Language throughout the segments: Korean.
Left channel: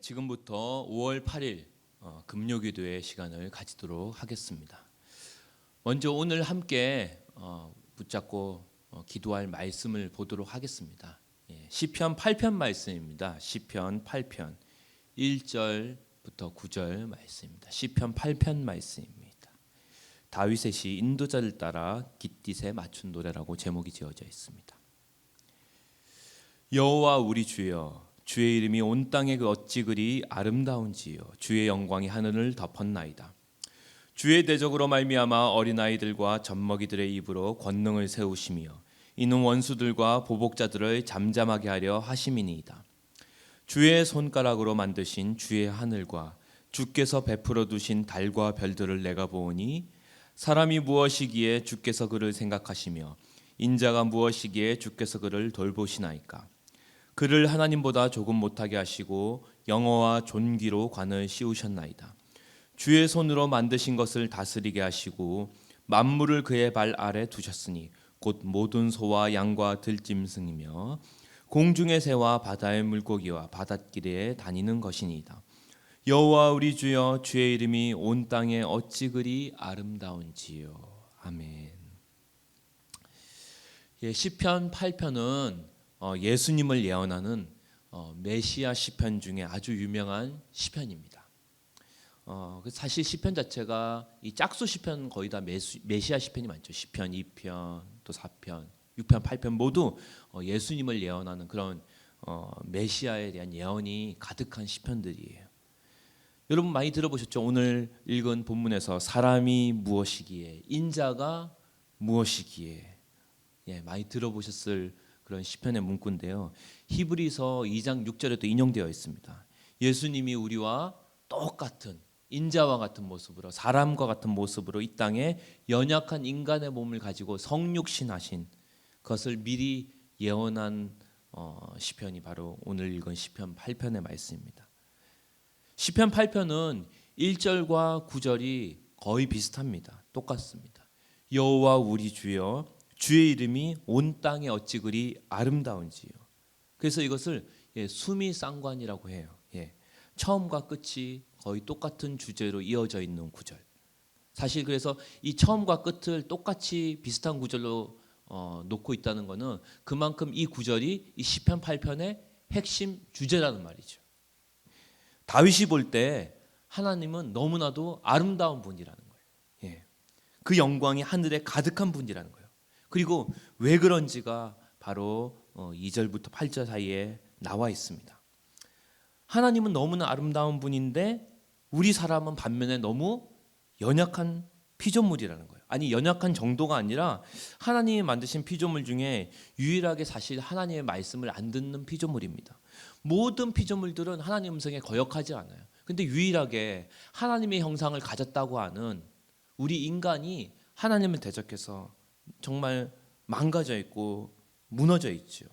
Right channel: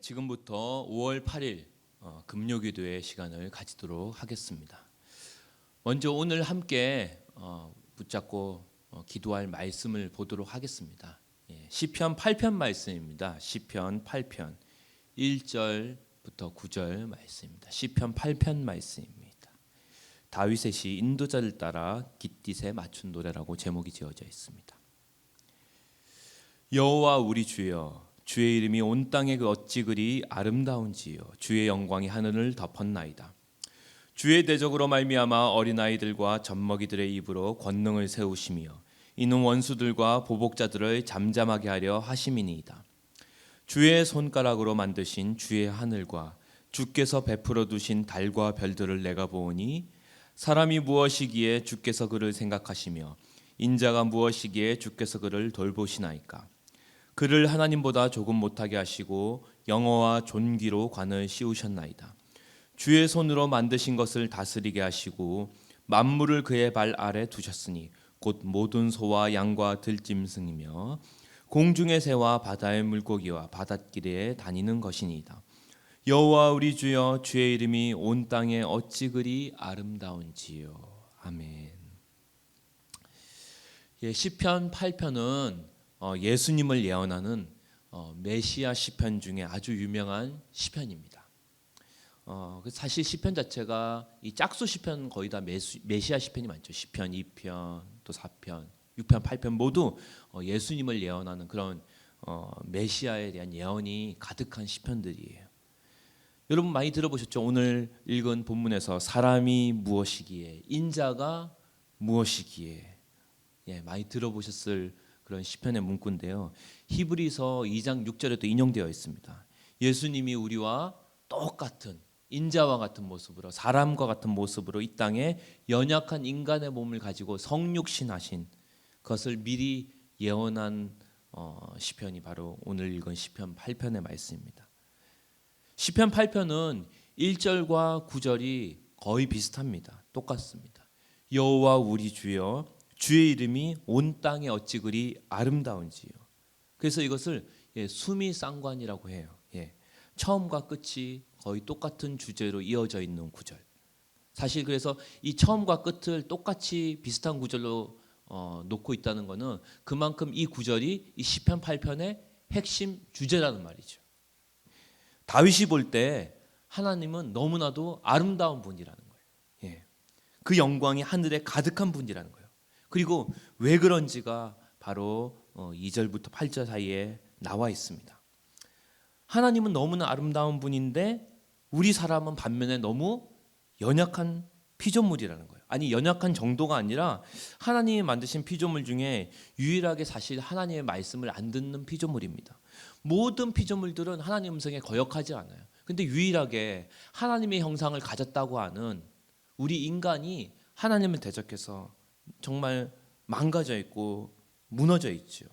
지금부터 5월 8일 금요기도의 시간을 가지도록 하겠습니다. 먼저 오늘 함께 붙잡고 기도할 말씀을 보도록 하겠습니다. 시편 8편 말씀입니다. 시편 8편 1절부터 9절 말씀입니다. 시편 8편 말씀입니다. 다윗의 시 인도자를 따라 깃딧에 맞춘 노래라고 제목이 지어져 있습니다. 여호와 우리 주여, 주의 이름이 온 땅에 어찌 그리 아름다운지요. 주의 영광이 하늘을 덮었나이다. 주의 대적으로 말미암아 어린아이들과 젖먹이들의 입으로 권능을 세우시며 이는 원수들과 보복자들을 잠잠하게 하려 하심이니이다. 주의 손가락으로 만드신 주의 하늘과 주께서 베풀어 두신 달과 별들을 내가 보오니 사람이 무엇이기에 주께서 그를 생각하시며 인자가 무엇이기에 주께서 그를 돌보시나이까. 그를 하나님보다 조금 못하게 하시고 영어와 존귀로 관을 씌우셨나이다. 주의 손으로 만드신 것을 다스리게 하시고 만물을 그의 발 아래 두셨으니 곧 모든 소와 양과 들짐승이며 공중의 새와 바다의 물고기와 바닷길에 다니는 것이니이다. 여호와 우리 주여, 주의 이름이 온 땅에 어찌 그리 아름다운지요. 아멘. 시편 8편은 예수님을 예언하는 메시아 시편 중에 아주 유명한 시편입니다. 사실 시편 자체가 이 짝수 시편 거의 다 메시아 시편이 많죠. 시편 2편, 또 4편, 6편, 8편 모두 예수님을 예언하는 그런 메시아에 대한 예언이 가득한 시편들이에요. 여러분 많이 들어보셨죠? 오늘 읽은 본문에서 사람이 무엇이기에, 인자가 무엇이기에, 많이 들어보셨을 그런 시편의 문구인데요. 히브리서 2장 6절에도 인용되어 있습니다. 예수님이 우리와 똑같은 인자와 같은 모습으로, 사람과 같은 모습으로 이 땅에 연약한 인간의 몸을 가지고 성육신하신 것을 미리 예언한 시편이 바로 오늘 읽은 시편 8편의 말씀입니다. 시편 8편은 1절과 9절이 거의 비슷합니다. 똑같습니다. 여호와 우리 주여, 주의 이름이 온 땅에 어찌 그리 아름다운지요. 그래서 이것을 수미상관이라고 해요. 처음과 끝이 거의 똑같은 주제로 이어져 있는 구절. 사실 그래서 이 처음과 끝을 똑같이 비슷한 구절로 놓고 있다는 것은 그만큼 이 구절이 이 시편 8편의 핵심 주제라는 말이죠. 다윗이 볼 때 하나님은 너무나도 아름다운 분이라는 거예요. 그 영광이 하늘에 가득한 분이라는 거예요. 그리고 왜 그런지가 바로 2절부터 8절 사이에 나와 있습니다. 하나님은 너무나 아름다운 분인데 우리 사람은 반면에 너무 연약한 피조물이라는 거예요. 아니, 연약한 정도가 아니라 하나님이 만드신 피조물 중에 유일하게 사실 하나님의 말씀을 안 듣는 피조물입니다. 모든 피조물들은 하나님 음성에 거역하지 않아요. 근데 유일하게 하나님의 형상을 가졌다고 하는 우리 인간이 하나님을 대적해서 정말 망가져 있고 무너져 있죠.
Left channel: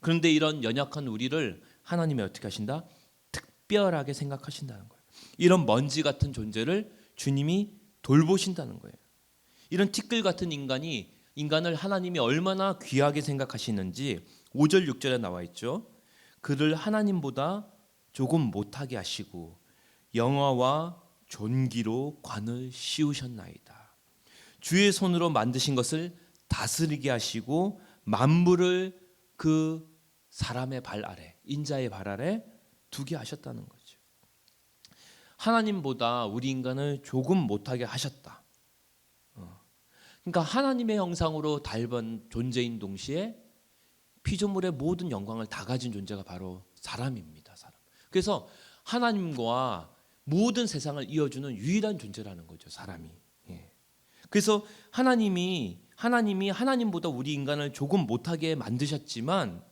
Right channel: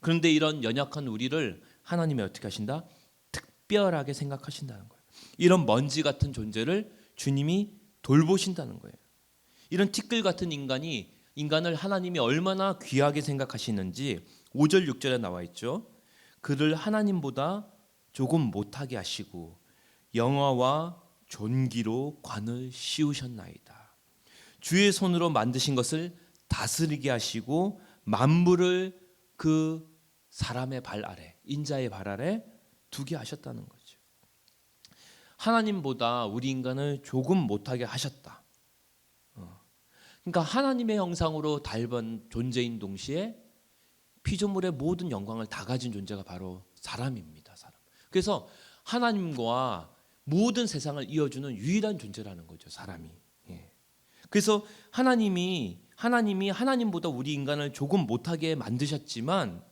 그런데 이런 연약한 우리를 하나님이 어떻게 하신다? 특별하게 생각하신다는 거예요. 이런 먼지 같은 존재를 주님이 돌보신다는 거예요. 이런 티끌 같은 인간을 하나님이 얼마나 귀하게 생각하시는지 5절 6절에 나와 있죠. 그를 하나님보다 조금 못하게 하시고 영화와 존귀로 관을 씌우셨나이다. 주의 손으로 만드신 것을 다스리게 하시고 만물을 그 사람의 발 아래, 인자의 발 아래 두게 하셨다는 거죠. 하나님보다 우리 인간을 조금 못하게 하셨다. 그러니까 하나님의 형상으로 닮은 존재인 동시에 피조물의 모든 영광을 다 가진 존재가 바로 사람입니다. 사람. 그래서 하나님과 모든 세상을 이어주는 유일한 존재라는 거죠. 사람이. 그래서 하나님이 하나님보다 우리 인간을 조금 못하게 만드셨지만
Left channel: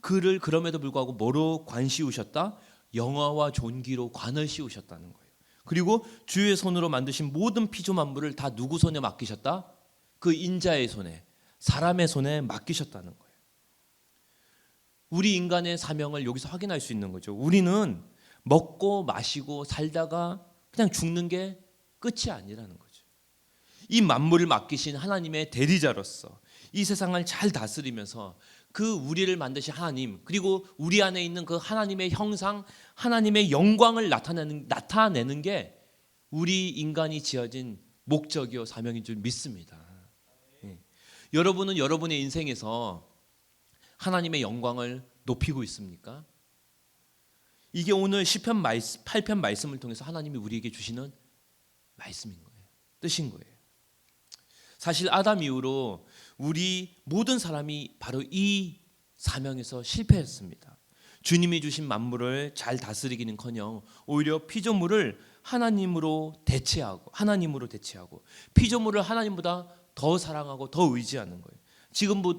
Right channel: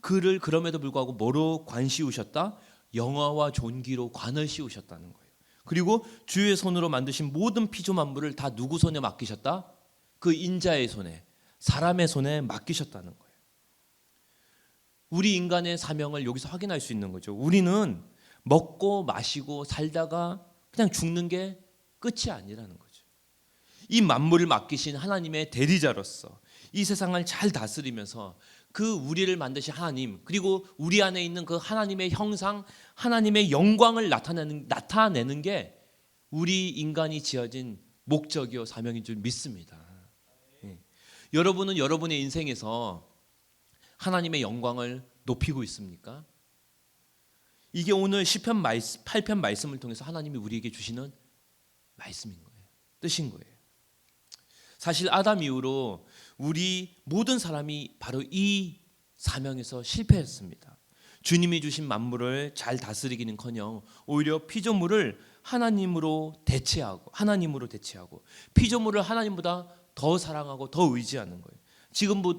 그를 그럼에도 불구하고 뭐로 관 씌우셨다? 영화와 존귀로 관을 씌우셨다는 거예요. 그리고 주의 손으로 만드신 모든 피조 만물을 다 누구 손에 맡기셨다? 그 인자의 손에, 사람의 손에 맡기셨다는 거예요. 우리 인간의 사명을 여기서 확인할 수 있는 거죠. 우리는 먹고 마시고 살다가 그냥 죽는 게 끝이 아니라는 거죠. 이 만물을 맡기신 하나님의 대리자로서 이 세상을 잘 다스리면서 그 우리를 만드신 하나님, 그리고 우리 안에 있는 그 하나님의 형상, 하나님의 영광을 나타내는 게 우리 인간이 지어진 목적이요 사명인 줄 믿습니다. 예. 여러분은 여러분의 인생에서 하나님의 영광을 높이고 있습니까? 이게 오늘 시편 8편 말씀을 통해서 하나님이 우리에게 주시는 말씀인 거예요. 뜻인 거예요. 사실 아담 이후로 우리 모든 사람이 바로 이 사명에서 실패했습니다. 주님이 주신 만물을 잘 다스리기는커녕 오히려 피조물을 하나님으로 대체하고 피조물을 하나님보다 더 사랑하고 더 의지하는 거예요.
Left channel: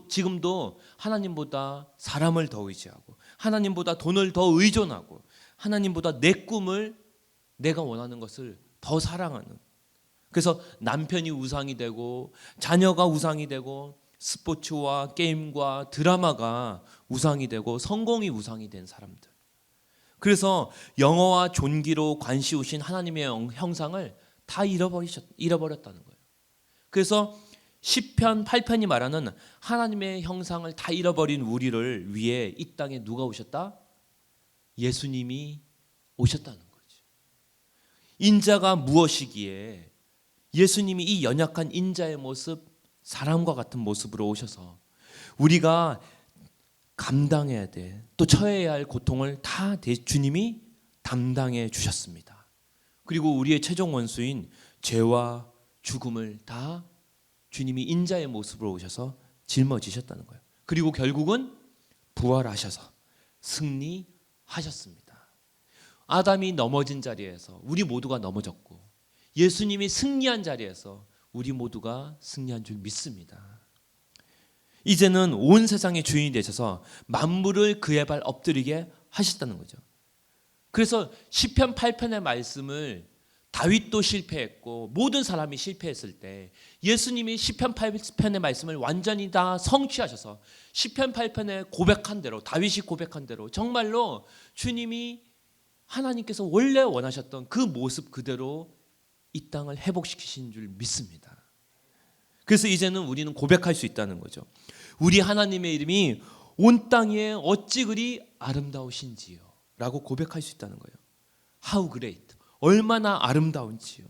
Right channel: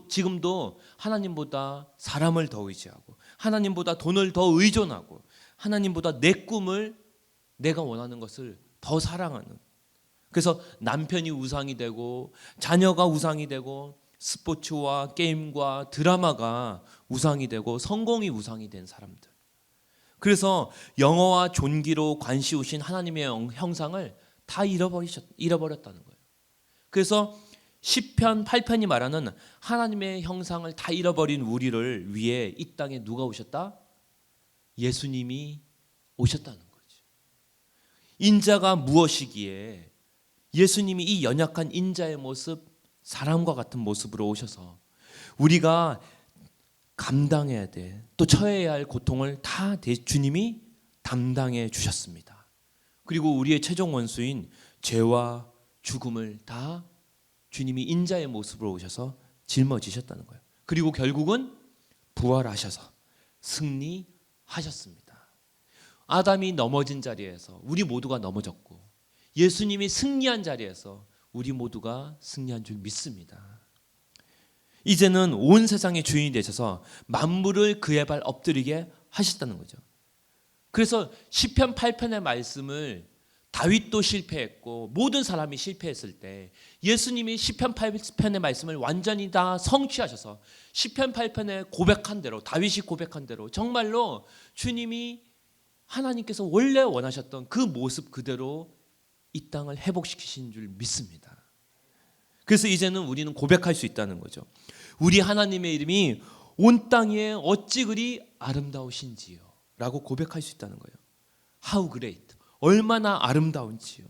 지금도 하나님보다 사람을 더 의지하고 하나님보다 돈을 더 의존하고 하나님보다 내 꿈을 내가 원하는 것을 더 사랑하는, 그래서 남편이 우상이 되고 자녀가 우상이 되고 스포츠와 게임과 드라마가 우상이 되고 성공이 우상이 된 사람들, 그래서 영어와 존귀로 관시우신 하나님의 형상을 다 잃어버렸다는 거예요. 그래서 시편 8편이 말하는 하나님의 형상을 다 잃어버린 우리를 위해 이 땅에 누가 오셨다? 예수님이 오셨다는 거죠. 인자가 무엇이기에 예수님이 이 연약한 인자의 모습, 사람과 같은 모습으로 오셔서 우리가 감당해야 돼, 또 처해야 할 고통을 다 주님이 담당해 주셨습니다. 그리고 우리의 최종 원수인 죄와 죽음을 다 주님이 인자의 모습으로 오셔서 짊어지셨다는 거예요. 그리고 결국은 부활하셔서 승리하셨습니다. 아담이 넘어진 자리에서 우리 모두가 넘어졌고 예수님이 승리한 자리에서 우리 모두가 승리한 줄 믿습니다. 이제는 온 세상의 주인이 되셔서 만물을 그의 발 엎드리게 하셨다는 거죠. 그래서 시편 8편의 말씀을 다윗도 실패했고 모든 사람이 실패했을 때 예수님이 시편 8편의 말씀을 완전히 다 성취하셔서 시편 8편에 고백한 대로, 다윗이 고백한 대로 정말로 주님이 하나님께서 원래 원하셨던 그 모습 그대로 이 땅을 회복시키신 줄 믿습니다. 그래서 이제는 우리는 고백할 수 있다는 거죠. 우리 하나님의 이름이 온 땅에 어찌 그리 아름다우신지요 라고 고백할 수 있다는 거예요. How great, 얼마나 아름다운지요.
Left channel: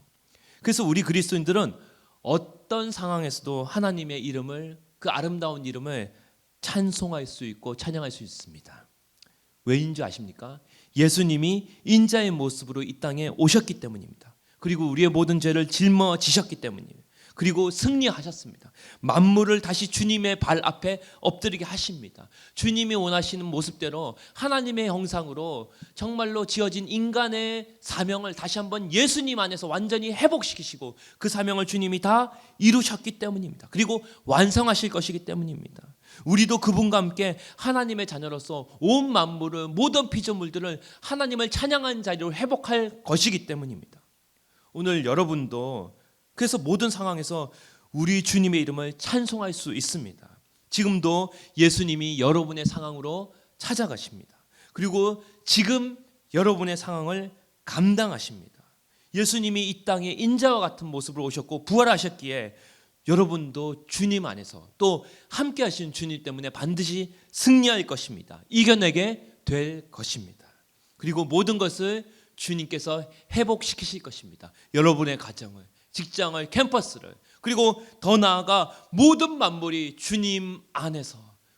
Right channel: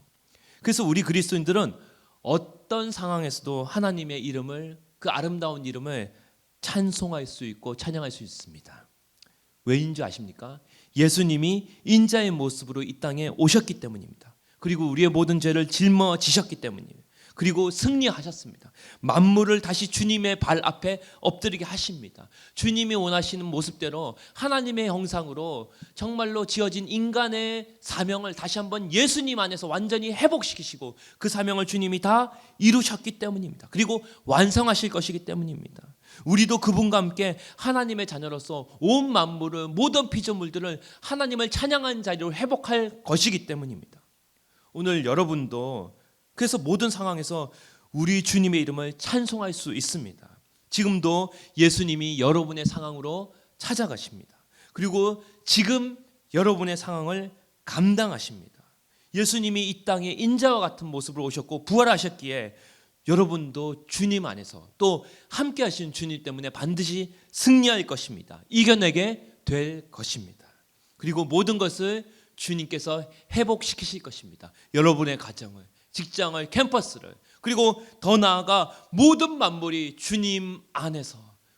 그래서 우리 그리스도인들은 어떤 상황에서도 하나님의 이름을, 그 아름다운 이름을 찬송할 수 있고 찬양할 수 있습니다. 왜인 줄 아십니까? 예수님이 인자의 모습으로 이 땅에 오셨기 때문입니다. 그리고 우리의 모든 죄를 짊어지셨기 때문이에요. 그리고 승리하셨습니다. 만물을 다시 주님의 발 앞에 엎드리게 하십니다. 주님이 원하시는 모습대로 하나님의 형상으로 정말로 지어진 인간의 사명을 다시 한번 예수님 안에서 완전히 회복시키시고 그 사명을 주님이 다 이루셨기 때문입니다. 그리고 완성하실 것이기 때문입니다. 우리도 그분과 함께 하나님의 자녀로서 온 만물을, 모든 피조물들을 하나님을 찬양하는 자리로 회복할 것이기 때문입니다. 오늘 여러분도 그래서 모든 상황에서 우리 주님의 이름을 찬송할 수 있습니다. 지금도 예수님이 여러분의 상황으로 찾아가십니다. 그리고 지금 여러분의 상황을 감당하십니다. 예수님이 이 땅에 인자와 같은 모습으로 오셨고 부활하셨기에 여러분도 주님 안에서 또 함께 하신 주님 때문에 반드시 승리할 것입니다. 이겨내게 될 것입니다. 그리고 모든 것을 주님께서 회복시키실 것입니다. 여러분의 가정을, 직장을, 캠퍼스를, 그리고 더 나아가 모든 만물이 주님 안에서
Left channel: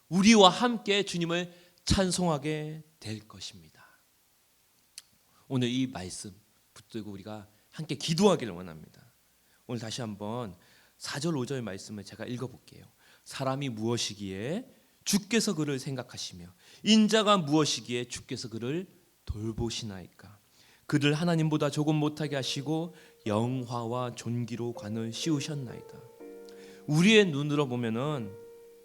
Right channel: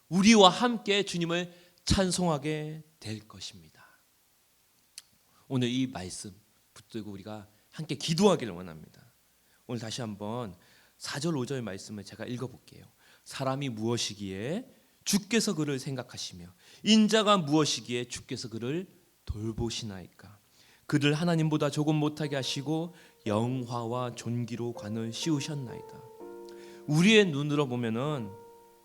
우리와 함께 주님을 찬송하게 될 것입니다. 오늘 이 말씀 붙들고 우리가 함께 기도하기를 원합니다. 오늘 다시 한번 4절 5절 말씀을 제가 읽어볼게요. 사람이 무엇이기에 주께서 그를 생각하시며 인자가 무엇이기에 주께서 그를 돌보시나이까. 그를 하나님보다 조금 못하게 하시고 영화와 존귀로 관을 씌우셨나이다. 우리의 눈으로 보면은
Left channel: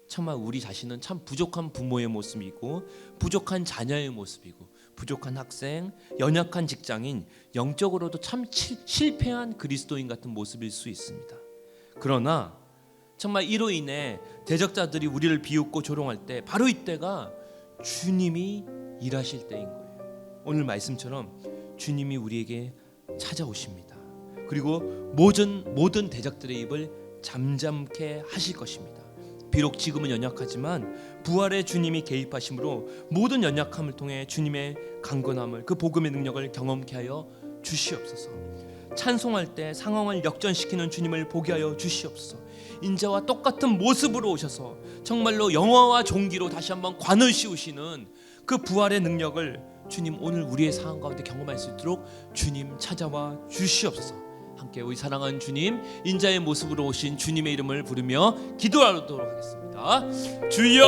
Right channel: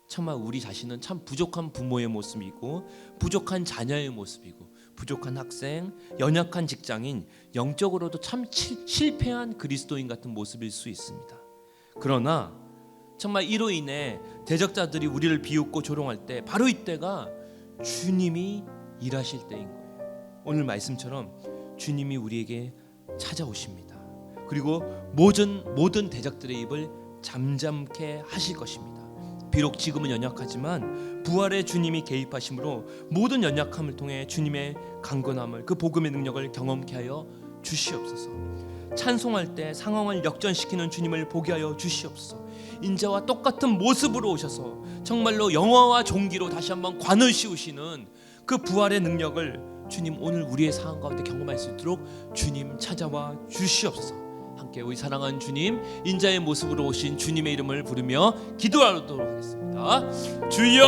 정말 우리 자신은 참 부족한 부모의 모습이고 부족한 자녀의 모습이고 부족한 학생, 연약한 직장인, 영적으로도 참 실패한 그리스도인 같은 모습일 수 있습니다. 그러나 정말 이로 인해 대적자들이 우리를 비웃고 조롱할 때 바로 이때가 주님이 일하실 때인 거예요. 오늘 말씀처럼 주님이 우리에게 찾아오십니다. 그리고 모든 대적들의 입을 잠잠케 하실 것입니다. 비록 지금은 연약하지만 부활의 주님이 개입하심으로 모든 연약함을 통해 주님의 강건함을, 그 복음의 능력을 경험케 하여 주시옵소서. 찬송할 때 상황을 역전시키는 주님을 보게 하여 주시옵소서. 인자와 똑같은 모습으로 오셔서 정말로 영화와 종기로 다시 한번 관을 씌우시는 그 부활의 능력을 주님 오늘 우리의 상황 가운데 경험할 수 있도록 주님 찾아와 주시옵소서. 함께 우리 사랑하는 주님, 인자의 모습으로 오신 주님의 이름을 부르며 기도하도록 하겠습니다. 주여,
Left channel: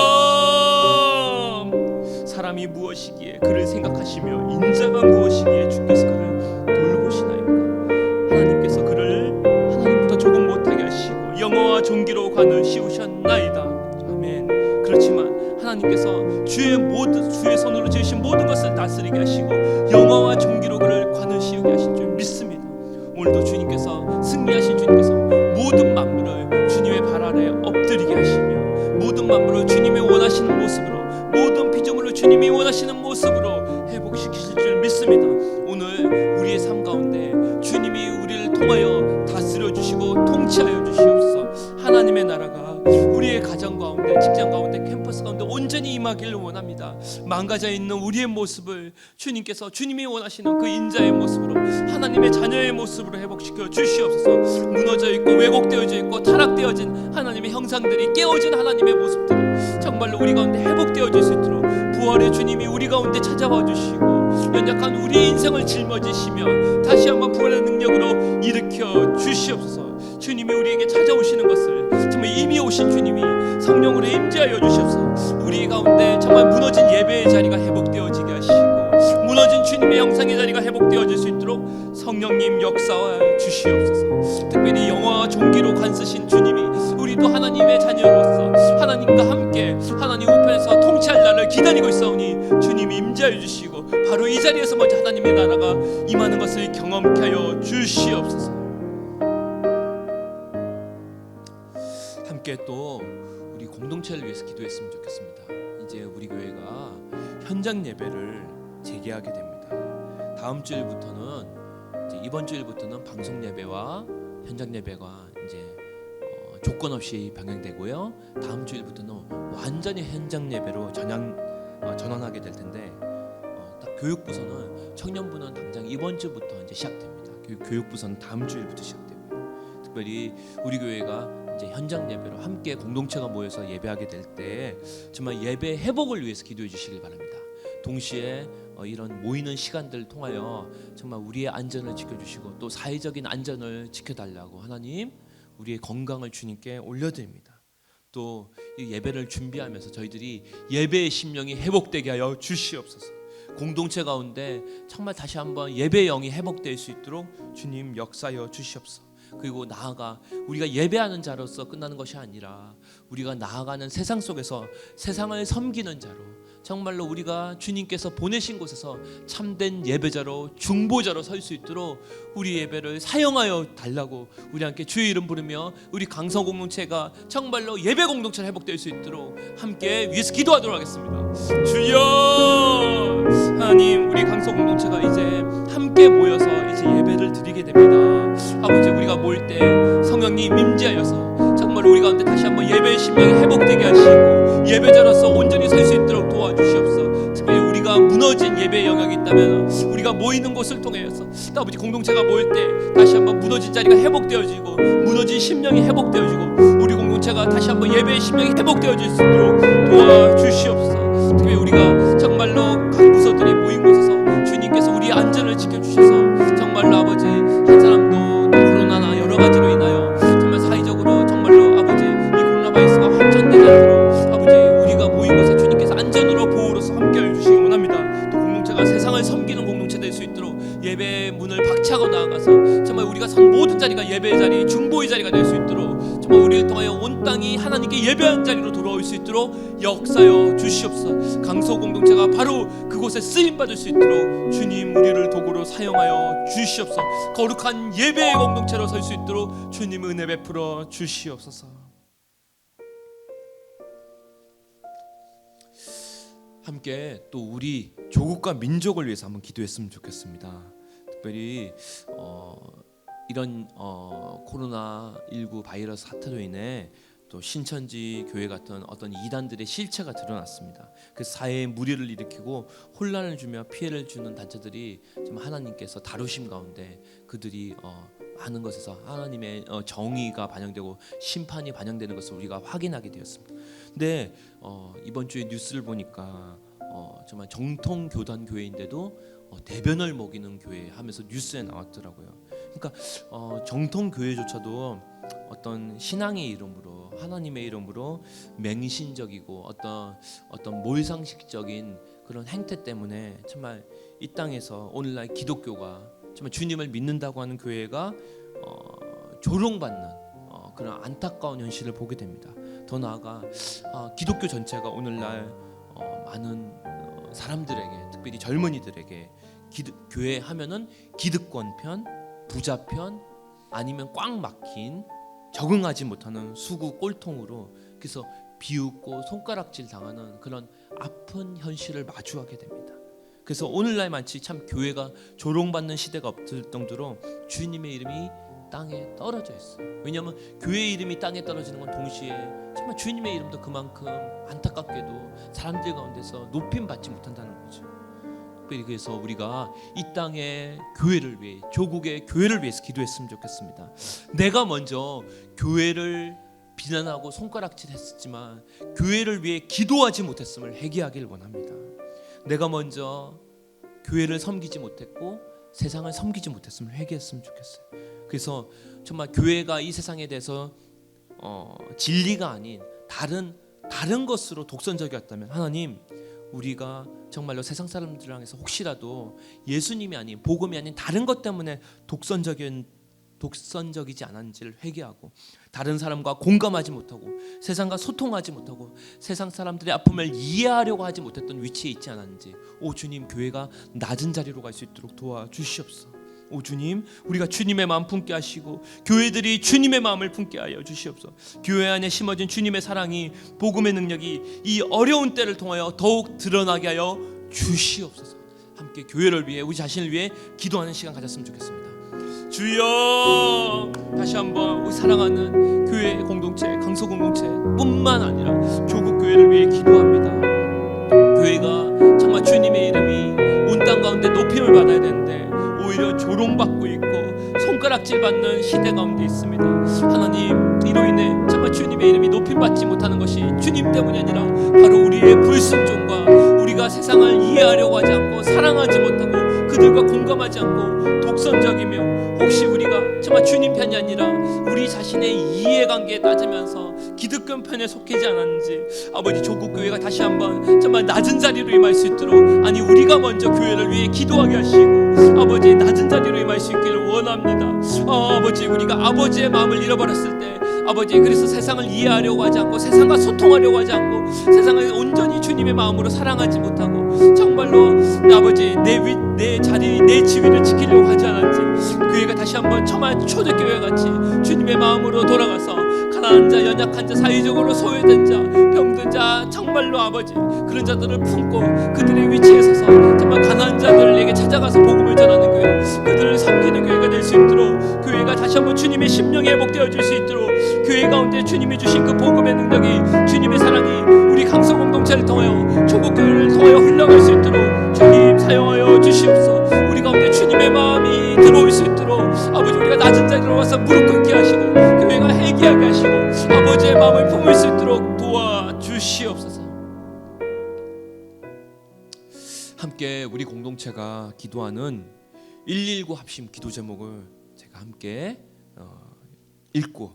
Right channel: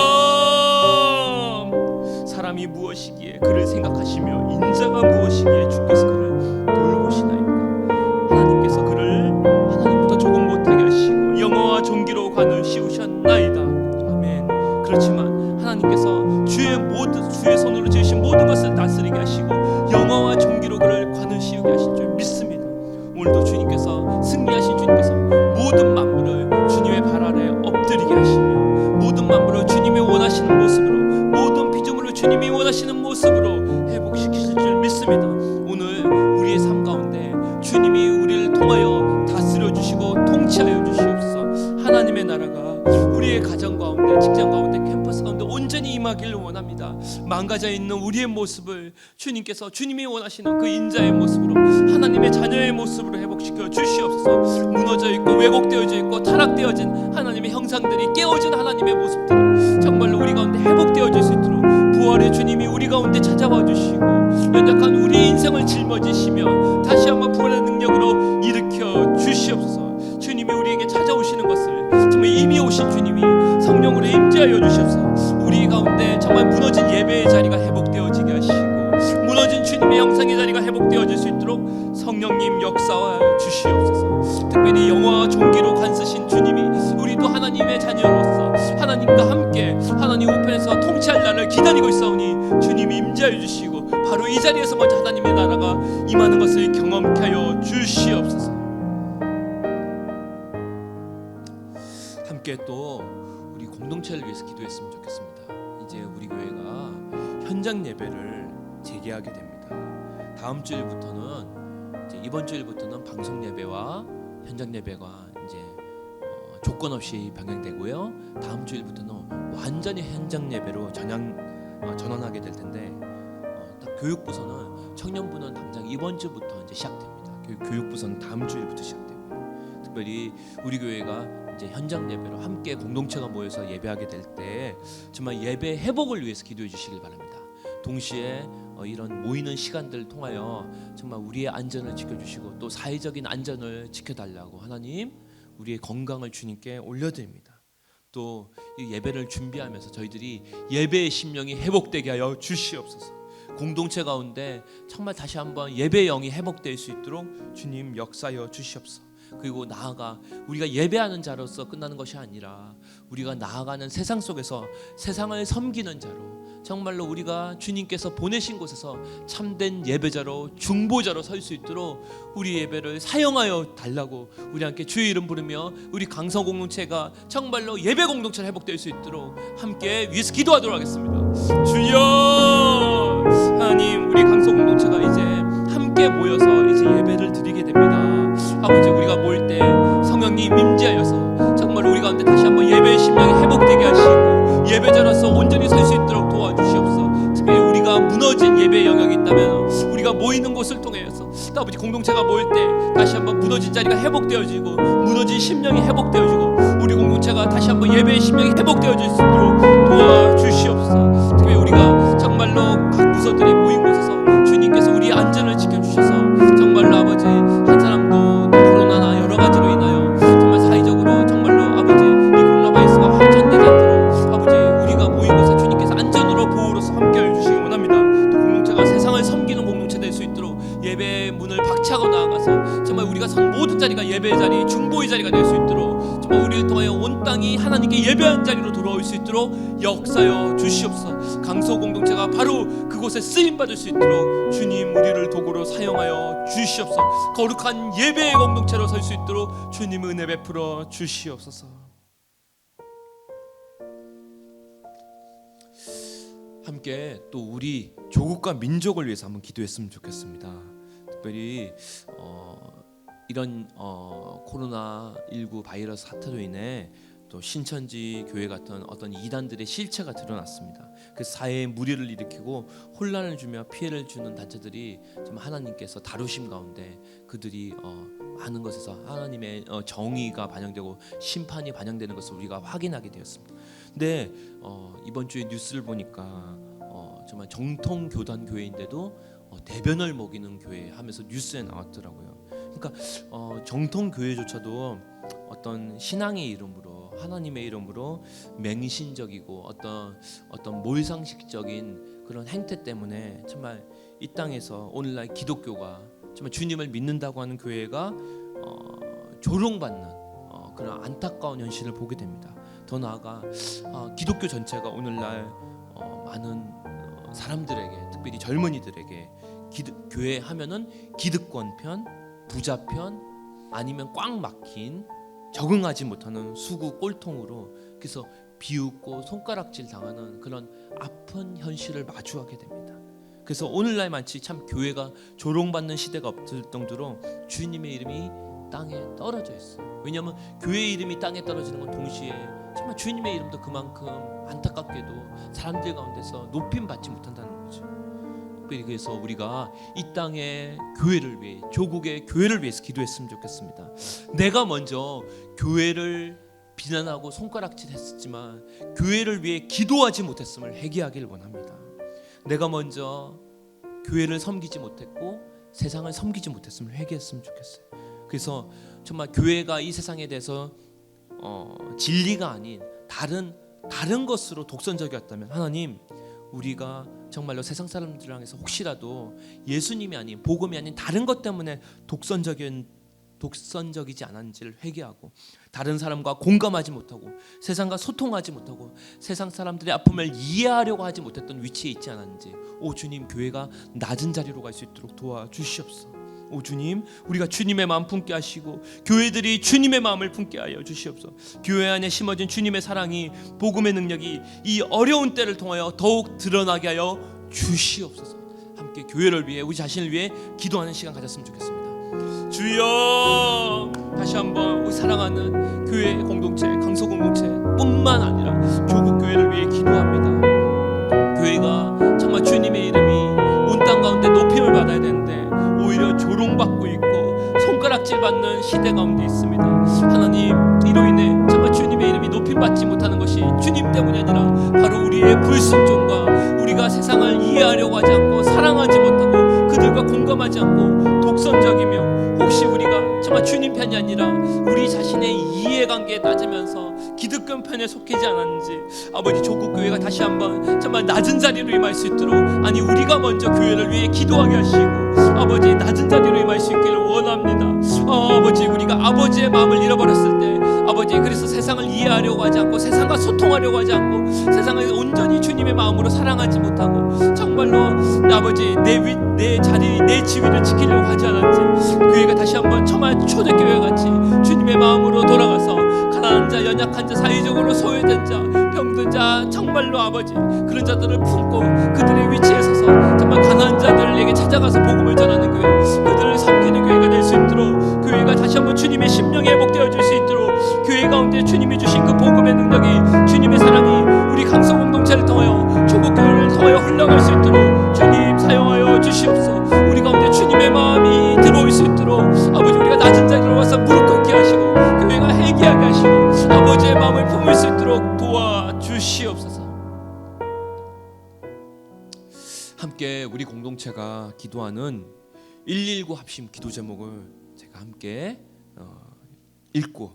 사람이 무엇이기에 그를 생각하시며 인자가 무엇이기에 주께서 그를 돌보시나이까. 하나님께서 그를 하나님보다 조금 못하게 하시고 영어와 종기로 관을 씌우셨나이다. 아멘. 그렇지만 하나님께서 주의 손으로 지으신 모든 것을 다스리게 하시고 영어와 종기로 그를 관을 씌우게 하신 줄 믿습니다. 오늘도 주님께서, 승리하신 주님께서 모든 만물을 주님의 발 아래 엎드리게 하시며 모든 만물을 주님이 원하시는 모습으로, 모든 피조물을 주님이 원하시는 모습으로 회복시키실 줄 믿습니다. 오늘 우리의 삶 가운데 주님이 우리를 통하여 다스려 주시고 통치하여 주시옵소서. 하나님의 나라가 우리의 가정 가운데, 직장 가운데, 캠퍼스 가운데 온전히 임하기를 원합니다. 망가져 있는 우리의 모습을 주님께서, 주님이 원하시는 그 인자의 모습으로, 하나님의 자녀의 모습으로 회복시켜 주시옵소서. 무너져 있고 왜곡되어져 있고 타락되어진 하나님의 형상들이, 깨어진 하나님의 모습들이 정말로 우리 가운데 회복되어질 수 있도록 부활의 주님이 우리 가운데 찾아와 주시고 연약한 우리의 인생을 짊어지시며 다시 한번 부활의 능력으로 일으켜 주시옵소서. 주님이 우리에게 찾아오시는 것을 정말 이미 오신 주님이 성령으로 임재하여 주셔서 우리 가운데 정말 무너진 예배의 자리가 회복되어지게 하시고 무너진 주님의 영상의 자리가 회복되어질 수 있도록 성령님 역사하여 주시옵소서. 특별히 영화와 종기로 관쓰신 주님이 우리도 하나님의 자녀로서 하나님과 함께 하나님 우편에서 통치할 날을 기다리고 있사오니 주님이 임재하여 주시고 바로 이 자리에서 먼저 하나님의 나라가 임하는 것을 경험케 하여 주시옵소서. 함께 또 우리 공동체를 위해서 기도했으면 좋겠습니다. 이제 우리 교회가 현장 예배를 재개하게 됩니다. 다음 주일부터는, 이번 주일부터는 방송 예배와 현장 예배가 이제 조건 없이 병행되고요. 다음 주일부터는 완전히 현장 예배로 전환하게 될 텐데, 딱 교육부서는, 청년부는 당장 이번 주부터 이제 시작됩니다. 교육부서는 다음 주일부터 시작되고요. 특별히 우리 교회가 이제 현장 예배로 함께 공동체가 모여서 예배하게 될 때 정말 예배 회복을 위해서 기도해 주시길 바랍니다. 동시에 이런 모이는 시간들을 통하여 정말 우리의 안전을 지켜주시고 또 사회적인 안전을 지켜달라고 하나님, 우리의 건강을 주님께 올려드립니다. 또 이 예배를 준비하면서 저희들이 예배의 심령이 회복되게 하여 주시옵소서. 공동체 가운데 정말 다시 한번 예배의 영이 회복될 수 있도록 주님 역사하여 주시옵소서. 그리고 나아가 우리가 예배하는 자로서 끝나는 것이 아니라 우리가 나아가는 세상 속에서 세상을 섬기는 자로, 정말로 우리가 주님께서 보내신 곳에서 참된 예배자로, 중보자로 설 수 있도록 우리 예배를 사용하여 달라고 우리 함께 주의 이름 부르며 우리 강성 공동체가 정말로 예배 공동체로 회복될 수 있도록 함께 위해서 기도하도록 하겠습니다. 주여, 하나님, 우리 강성 공동체가 이제 함께 모여서 이제 예배를 드리게 됩니다. 아버지, 우리가 모일 때 성령님 임재하여서 정말 우리 가운데 다시 한번 예배의 심령이 회복되게 하시고 예배자로서 온전히 설 수 있도록 도와주시옵소서. 특별히 우리가 무너진 예배의 영역이 있다면 우리가 모이는 곳을 통해서 아버지, 공동체가 모일 때 다시 한번 무너진 자리가 회복되어지고 무너진 심령이 회복되어지고 우리 공동체가 다시 한번 예배의 심령이 회복되어질 수 있도록 도와주시옵소서. 특별히 우리가 정말로 각 부서들이 모인 곳에서 주님께서 우리의 안전을 지켜주셔서 정말로 아버지, 한 사람도 코로나나 여러 가지로 인하여 정말 사회적으로 정말로 아버지 이 코로나 바이러스가 확전되지 않도록 아버지 우리가 모인 곳에 주님께서 안전으로 보호로서 함께해 주시기 원합니다. 또 공동체가 세상을 섬기는 공동체 될 수 있도록 예배의 문을 박차고 나아가서 정말 우리가 선 모든 자리가 예배의 자리, 중보의 자리가 될 수 있도록 정말 우리를 통하여 온 땅이 하나님께 예배하는 자리로 돌아올 수 있도록 역사여 주시옵소서. 강소 공동체가 바로 그곳에 쓰임 받을 수 있도록 주님 우리를 도구로 사용하여 주시옵소서. 거룩한 예배의 공동체로 설 수 있도록 주님 은혜 베풀어 주시옵소서. 함께 또 우리 조국과 민족을 위해서 한번 기도했으면 좋겠습니다. 특별히 이런 코로나19 바이러스 사태로 인해 또 신천지 교회 같은 어떤 이단들의 실체가 드러났습니다. 그 사회에 무리를 일으키고 혼란을 주며 피해를 주는 단체들이 정말 하나님께서 다루심 가운데 그들이 많은 것에서 하나님의 정의가 반영되고 심판이 반영되는 것을 우리가 확인하게 되었습니다. 근데 이번 주에 뉴스를 보니까 정말 정통 교단 교회인데도 대변을 먹이는 교회 하면서 뉴스에 나왔더라고요. 그러니까 정통 교회조차도 어떤 신앙의 이름으로 하나님의 이름으로 맹신적이고 어떤 몰상식적인 그런 행태 때문에 정말 이 땅에서 오늘날 기독교가 정말 주님을 믿는다고 하는 교회가 조롱받는 그런 안타까운 현실을 보게 됩니다. 더 나아가 기독교 전체가 오늘날 많은 사람들에게 특별히 젊은이들에게 교회 하면은 기득권 편, 부자 편 아니면 꽉 막힌 적응하지 못하는 수구 꼴통으로 그래서 비웃고 손가락질 당하는 그런 아픈 현실을 마주하게 됩니다. 그래서 오늘날 마치 참 교회가 조롱받는 시대가 없을 정도로 주님의 이름이 땅에 떨어져 있어요. 왜냐하면 교회의 이름이 땅에 떨어지는 건 동시에 정말 주님의 이름도 그만큼 안타깝게도 사람들 가운데서 높임 받지 못한다는 거죠. 특별히 그래서 우리가 이 땅의 교회를 위해 조국의 교회를 위해서 기도했으면 좋겠습니다. 내가 먼저 교회를 비난하고 손가락질했었지만 교회를 위해 기도하지 못했음을 회개하기를 원합니다. 내가 먼저 교회를 섬기지 못했고 세상을 섬기지 못했음을 회개했으면 좋겠어요. 그래서 정말 교회가 이 세상에 대해서 진리가 아닌 다른 것으로 독선적이었다면 하나님 우리가 정말로 세상 사람들을 향해서 혹시라도 예수님이 아닌 복음이 아닌 다른 것 때문에 독선적이지 않은지를 회개하고 다른 사람과 공감하지 못하고 세상과 소통하지 못하고 세상 사람들의 아픔을 이해하려고 하지 못했던 위치에 있지 않았는지 오 주님 교회가 낮은 자리로 갈 수 있도록 도와주시옵소서. 오 주님 우리가 주님의 마음 품게 하시고 교회들이 주님의 마음을 품게 하여 주시옵소서. 교회 안에 심어진 주님의 사랑이 복음의 능력이 이 어려운 때를 통하여 더욱 드러나게 하여 주시옵소서. 함께 교회를 위해 우리 자신을 위해 기도하는 시간 가졌으면 좋겠습니다. 주여 다시 한번 우리 사랑하는 교회 공동체 강서 공동체 뿐만 아니라 조국 교회를 위해 기도합니다. 교회가 정말 주님의 이름이 온 땅 가운데 높임을 받아야 되는데 오히려 조롱받고 있고 손가락질 받는 시대 가운데 있습니다. 하나님 이로 인해 정말 주님의 이름이 높임받지 못하는 것이 주님 때문이 아니라 바로 우리의 불순종과 우리가 세상을 이해하려고 하지 않고 사랑하지 못하고 그들과 공감하지 않고 독선적이며 혹시 우리가 정말 주님 편이 아니라 우리 자신의 이해관계에 따지면서 기득권 편에 속하지 않았는지 아버지 조국 교회가 다시 한번 정말 낮은 자리로 임할 수 있도록 아니 우리가 먼저 교회를 위해 기도하게 하시고 아버지 낮은 자리로 임할 수 있기를 원합니다. 아버지 우리가 아버지의 마음을 잃어버렸을 때 아버지 그래서 세상을 이해하려고 하지 않고 세상과 소통하려고 하지 않고 세상을 온전히 주님의 마음으로 사랑하지 못하고 정말로 아버지 내 자리 내 지위를 지키려고 하지 않았지 교회가 다시 한번 처음 초대교회 같이 주님의 마음으로 돌아가서 가난한 자 연약한 자 사회적으로 소외된 자 병든 자 정말로 아버지 그런 자들을 품고 그들의 위치에 서서 정말 가난한 자들에게 찾아가서 복음을 전하는 교회 그들을 섬기는 교회가 될 수 있도록 교회가 다시 한번 주님의 심령이 회복되어질 수 있도록 교회 가운데 주님이 주신 그 복음의 능력이 주님의 사랑이 우리 강서 공동체를 통하여 조국교회를 통하여 흘러갈 수 있도록 주님 사용하여 주시옵소서. 우리 가운데 주님의 마음이 들어올 수 있도록 아버지 우리가 낮은 자리로 와서 무릎 꿇게 하시고 교회가 회개하게 하시고 아버지의 마음을 품을 수 있도록 도와주시옵소서. 함께 우리 공동체가 기도하는 119 합심 기도 제목을 제가 함께 읽고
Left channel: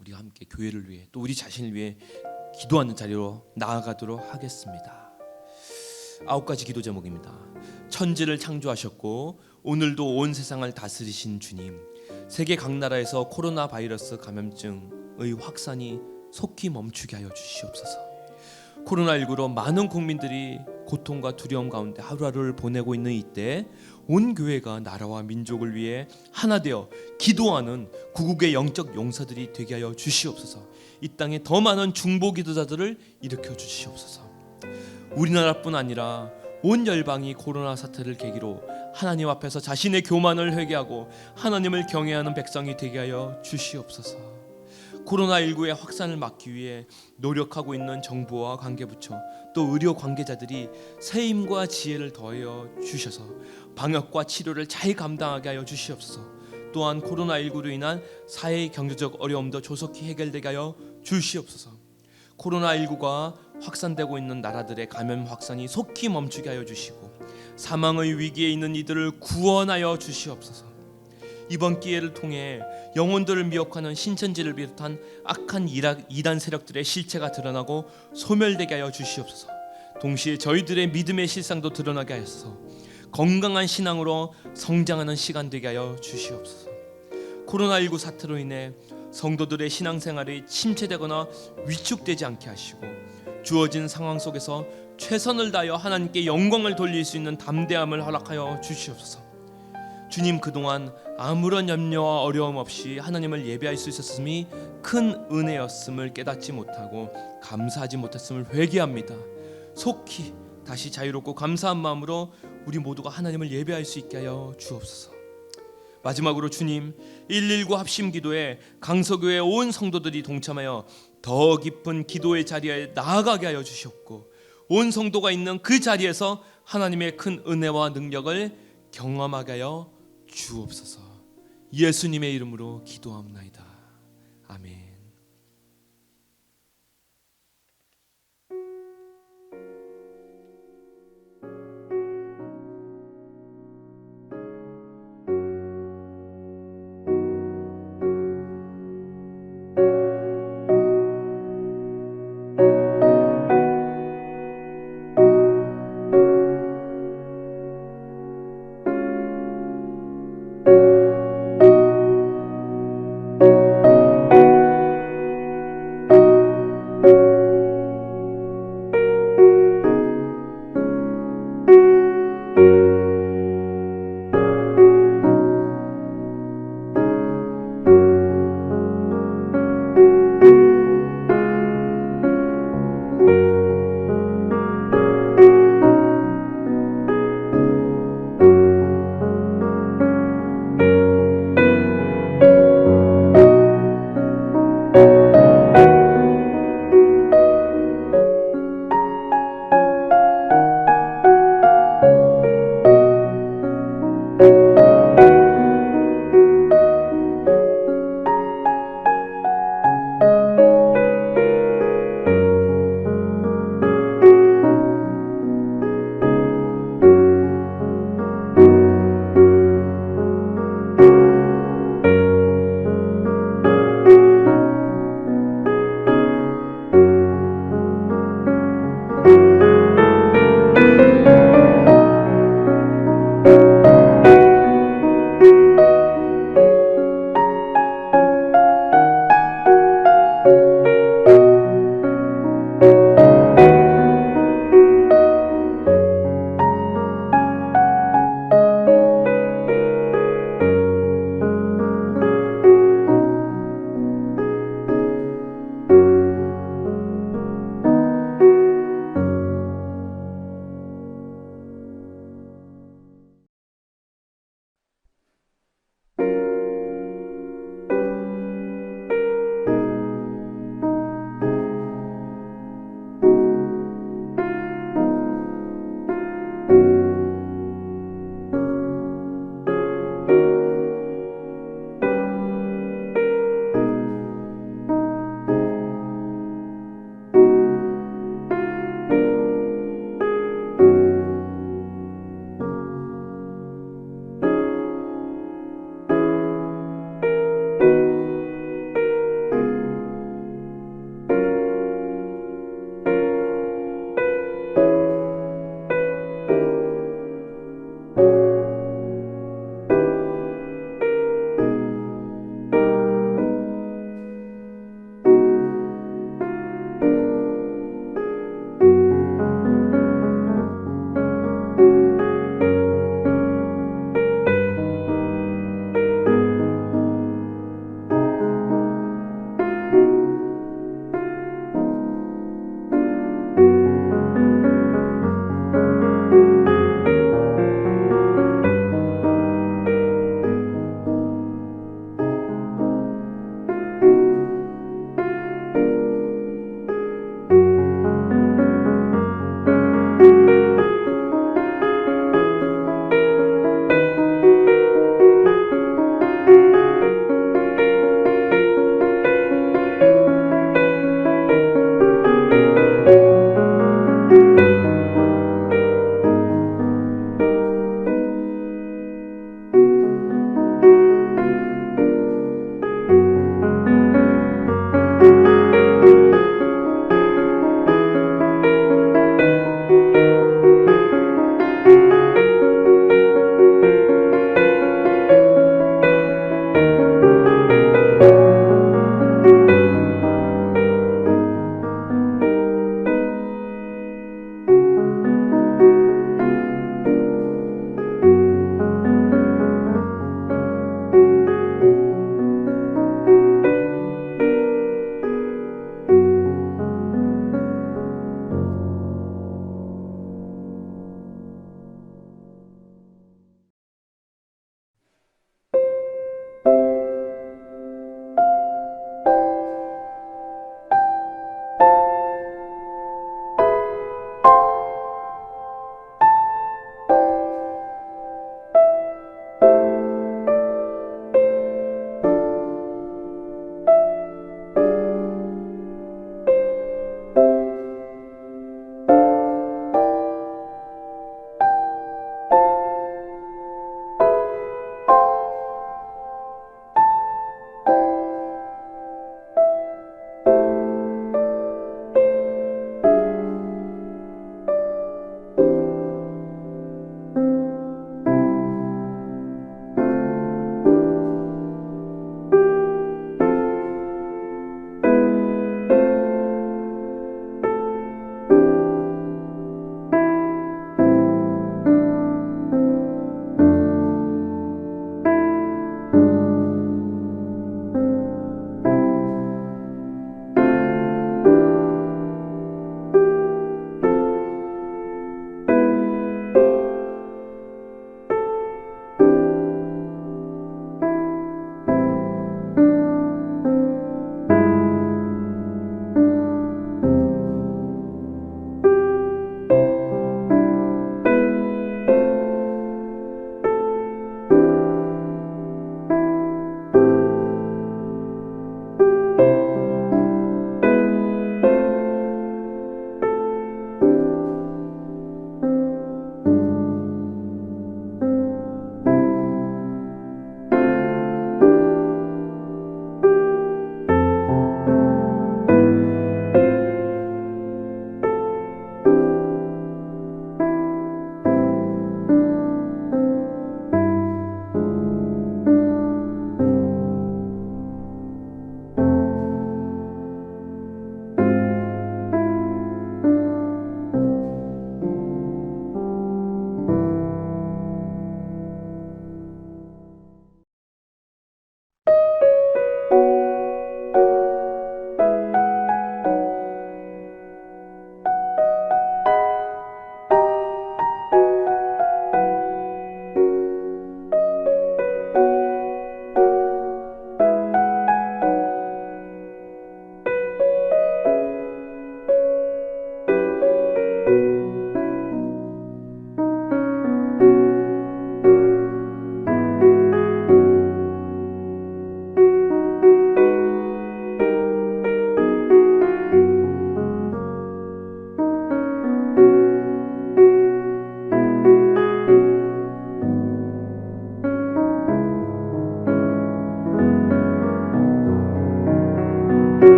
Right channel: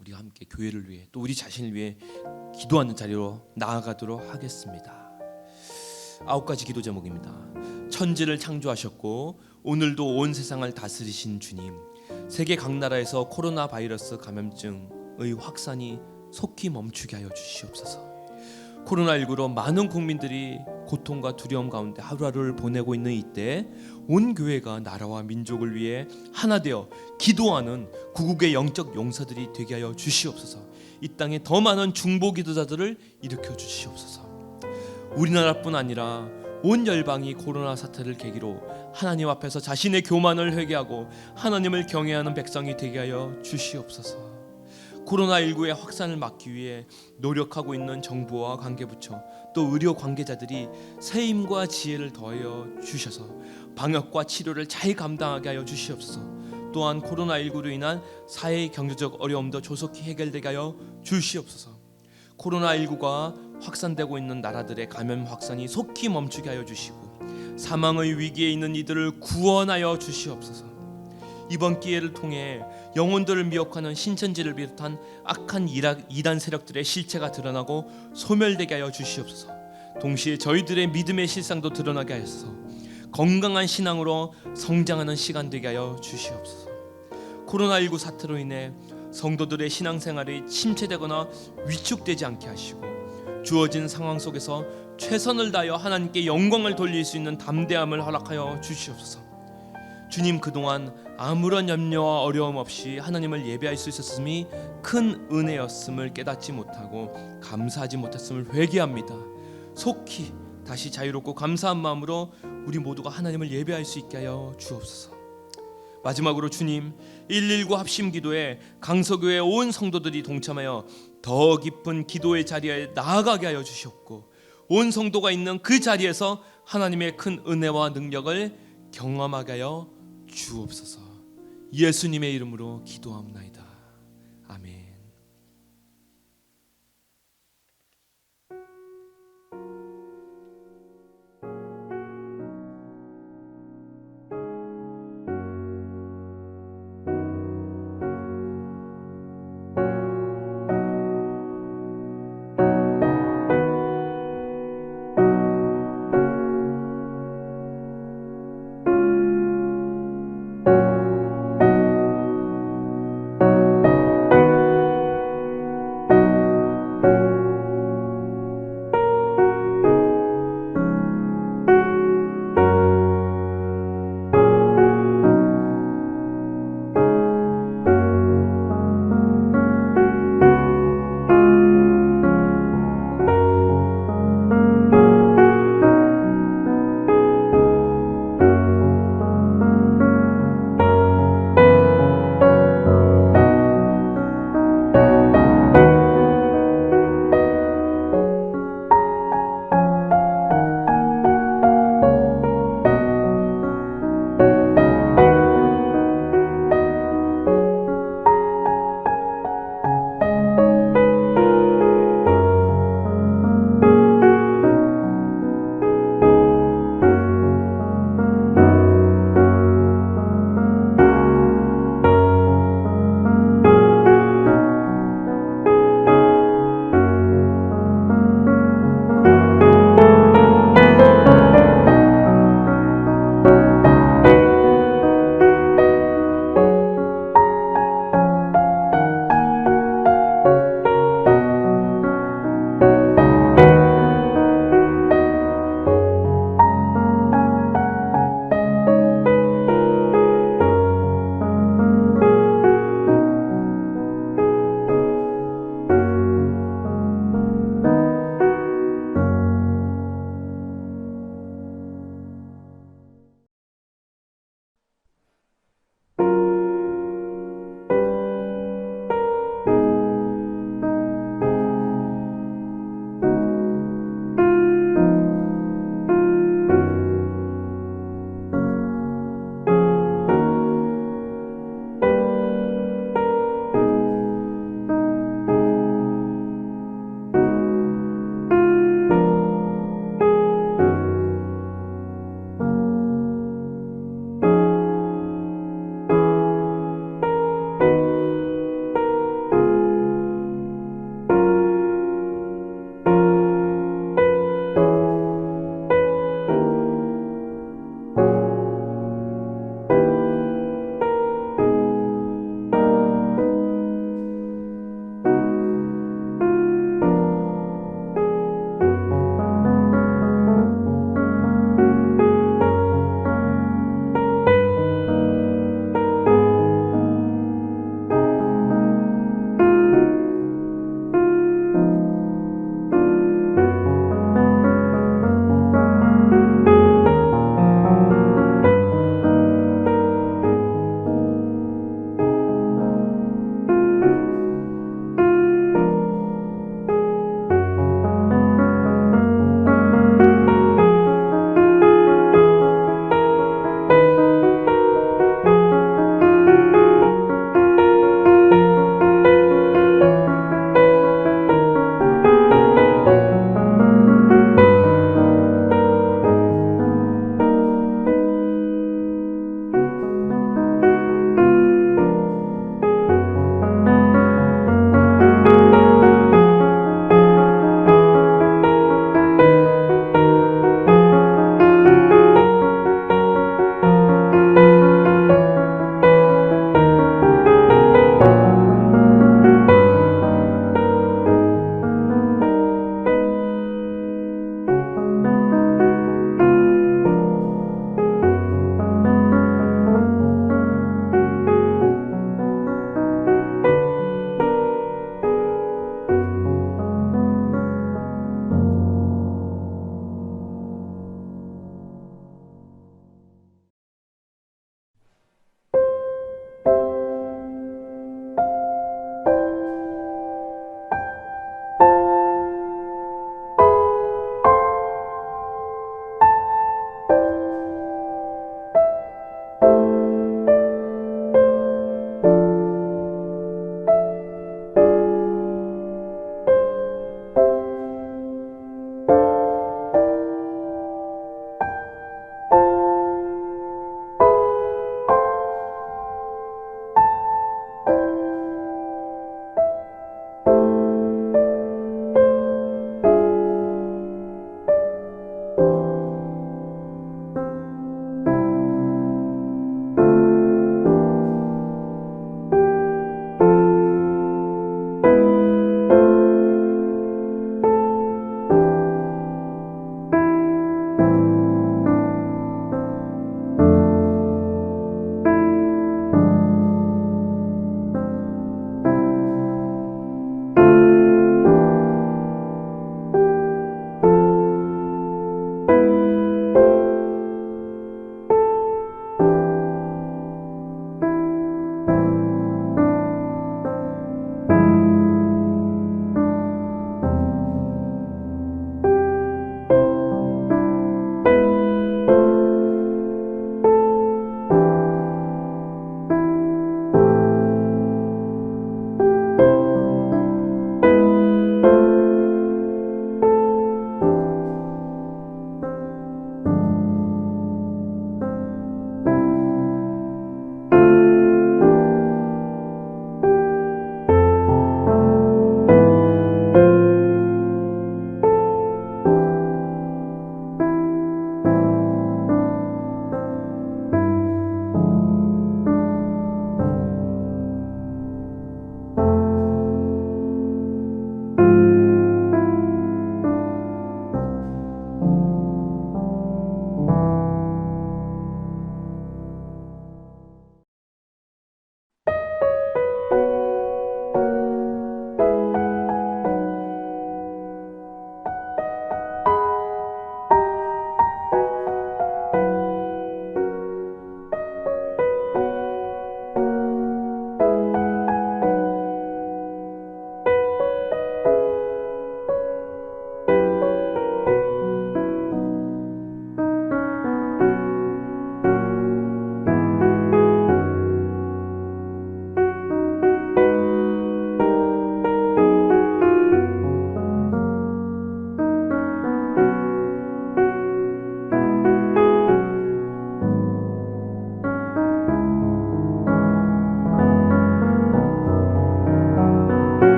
우리가 함께 교회를 위해 또 우리 자신을 위해 기도하는 자리로 나아가도록 하겠습니다. 9가지 기도 제목입니다. 천지를 창조하셨고 오늘도 온 세상을 다스리신 주님, 세계 각 나라에서 코로나 바이러스 감염증의 확산이 속히 멈추게 하여 주시옵소서. 코로나19로 많은 국민들이 고통과 두려움 가운데 하루하루를 보내고 있는 이때 온 교회가 나라와 민족을 위해 하나 되어 기도하는 구국의 영적 용사들이 되게 하여 주시옵소서. 이 땅에 더 많은 중보 기도자들을 일으켜 주시옵소서. 우리나라뿐 아니라 온 열방이 코로나 사태를 계기로 하나님 앞에서 자신의 교만을 회개하고 하나님을 경외하는 백성이 되게 하여 주시옵소서. 코로나19의 확산을 막기 위해 노력하고 있는 정부와 관계부처 또 의료 관계자들이 새 힘과 지혜를 더하여 주셔서 방역과 치료를 잘 감당하게 하여 주시옵소서. 또한 코로나19로 인한 사회 경제적 어려움도 조속히 해결되게 하여 주시옵소서. 코로나19가 확산되고 있는 나라들의 감염 확산이 속히 멈추게 하여 주시고 사망의 위기에 있는 이들을 구원하여 주시옵소서. 이번 기회를 통해 영혼들을 미혹하는 신천지를 비롯한 악한 이단 세력들의 실체가 드러나고 소멸되게 하여 주시옵소서. 동시에 저희들의 믿음의 실상도 드러나게 하여서 건강한 신앙으로 성장하는 시간 되게 하여 주시옵소서. 코로나19 사태로 인해 성도들의 신앙생활이 침체되거나 위축되지 않게 하시고 주어진 상황 속에서 최선을 다하여 하나님께 영광을 돌릴 수 있는 담대함을 허락하여 주시옵소서. 주님, 그동안 아무런 염려와 어려움 없이 하나님을 예배할 수 있었음이 큰 은혜였음을 깨닫지 못하고 감사하지 못했음을 회개합니다. 속히 다시 자유롭고 감사한 마음으로 우리 모두가 하나님을 예배할 수 있게 하여 주옵소서. 마지막으로 주님, 119 합심기도에 강서교회 온 성도들이 동참하여 더 깊은 기도의 자리에 나아가게 하여 주시옵고 온 성도가 있는 그 자리에서 하나님의 큰 은혜와 능력을 경험하게 하여 주옵소서. 예수님의 이름으로 기도합나이다.